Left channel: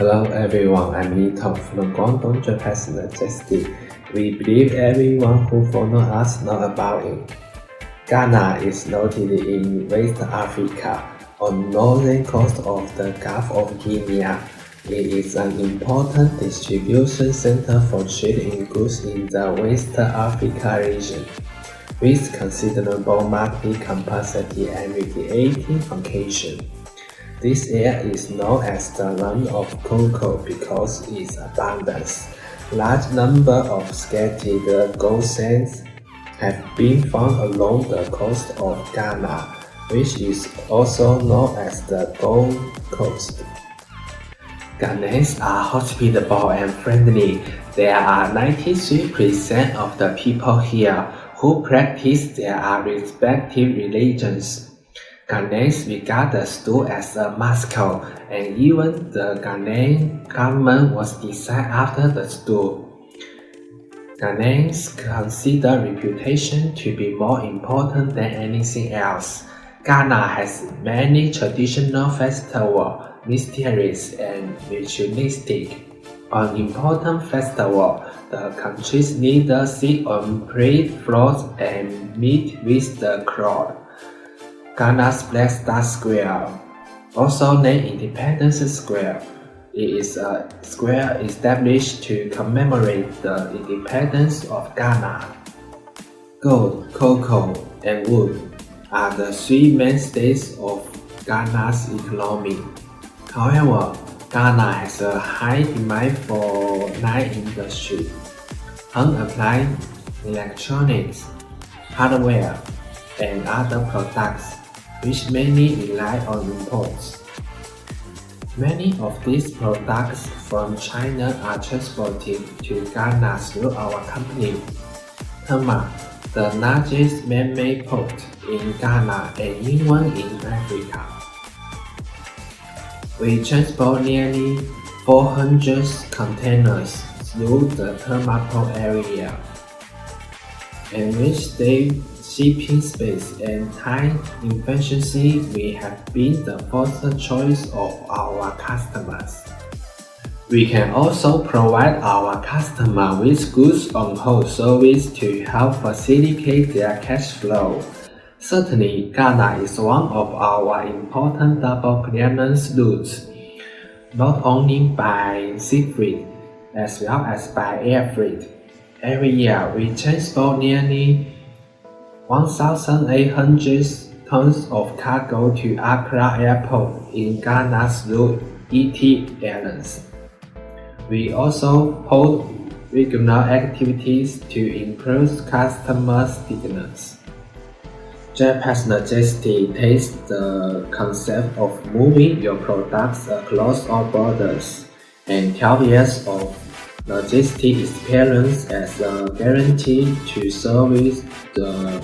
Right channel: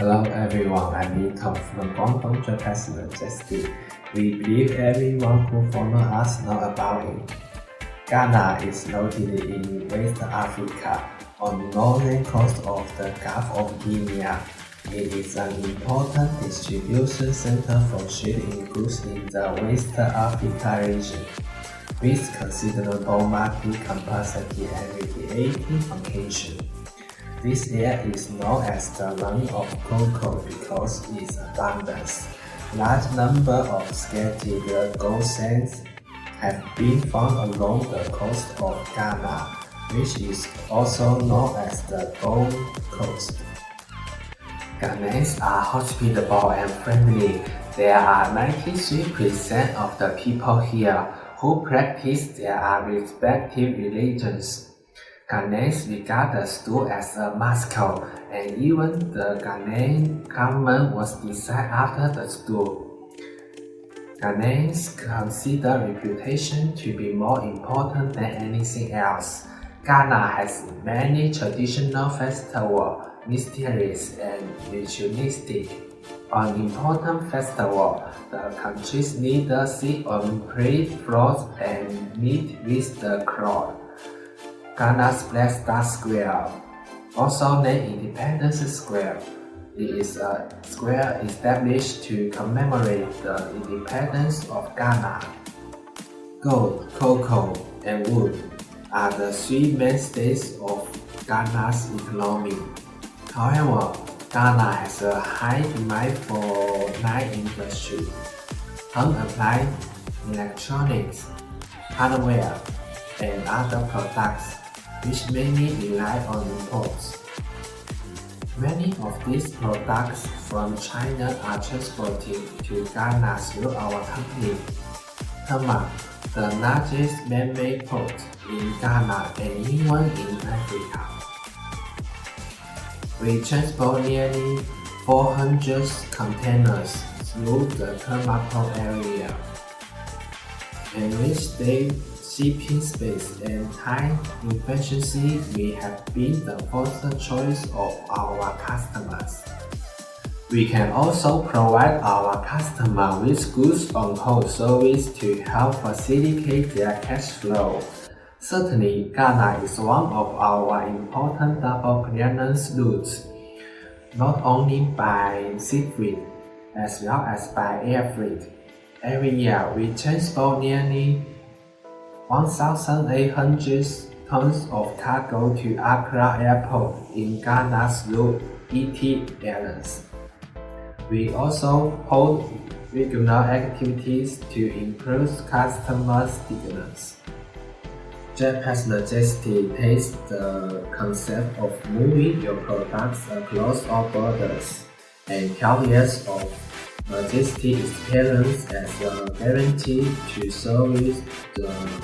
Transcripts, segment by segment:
Hello everyone, I'm Nito from Guangdong, Japan's Majesty. We believe everyone who follows us know about it. Ghana is located in West Africa, on northern coast of the Gulf of Guinea. It is an important distribution center for trade in goods in the West Africa region, with considerable market capacity and radiating location. This area is known as the land of cocoa because its abundance. Large number of scattered gold sands have been found along the coast of Ghana, which is also known as the Gold Coast. Ghanaians are hospitable and friendly. There are 93% of the people here who practice their respective religions. Ghanaians regard the stool as a mascot, and even the Ghanaian government was designed after the stool. Ghanaians consider reputation to be more important than anything else. Ghana has many traditional festivals, mysterious and ritualistic. On important festivals, the country's leaders sit on parade floors and meet with the crowd. Ghana's Black Star Square, also named Independence Square, is a square established to commemorate the independence of Ghana. Gold, cocoa, and wood are the three mainstays of Ghana's economy. However, Ghana has a high demand for light industry, home appliance, electronics, hardware, and other products, which mainly rely on imports. Many of these products from China are transported to Ghana through our company, Tema, the largest man-made port in Ghana and even in Africa. We transport nearly 400 containers through the Tema port area, and with their shipping space and time efficiency, we have been the first choice of our customers. We can also provide our customers with goods on hold service to help facilitate their cash flow. Certainly, Ghana is one of our important double clearance routes, not only by sea freight as well as by air freight. Every year, we transport nearly 1,800 tons of cargo to Accra Airport in Ghana through ET Airlines. We also hold regional activities to increase customer stickiness. Japan's Majesty takes the concept of moving your products across all borders and 12 years of logistic experience as a guarantee to service the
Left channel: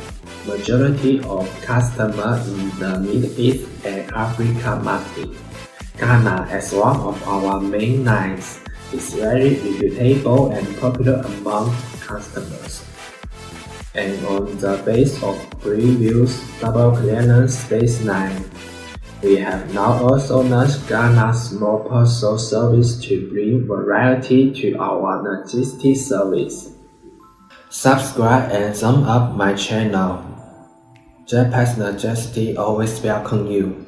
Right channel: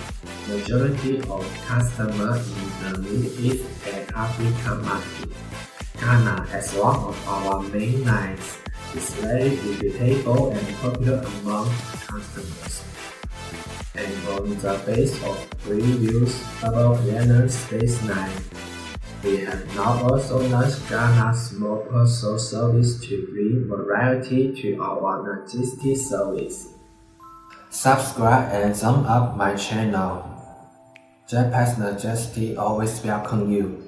majority of customers in the Middle East and Africa market. Ghana, as one of our main lines, is very reputable and popular among customers. And on the base of previous double clearance space line, we have now also launched Ghana's small parcel service to bring variety to our logistics service. Subscribe and thumb up my channel. Japan's Majesty always welcome you.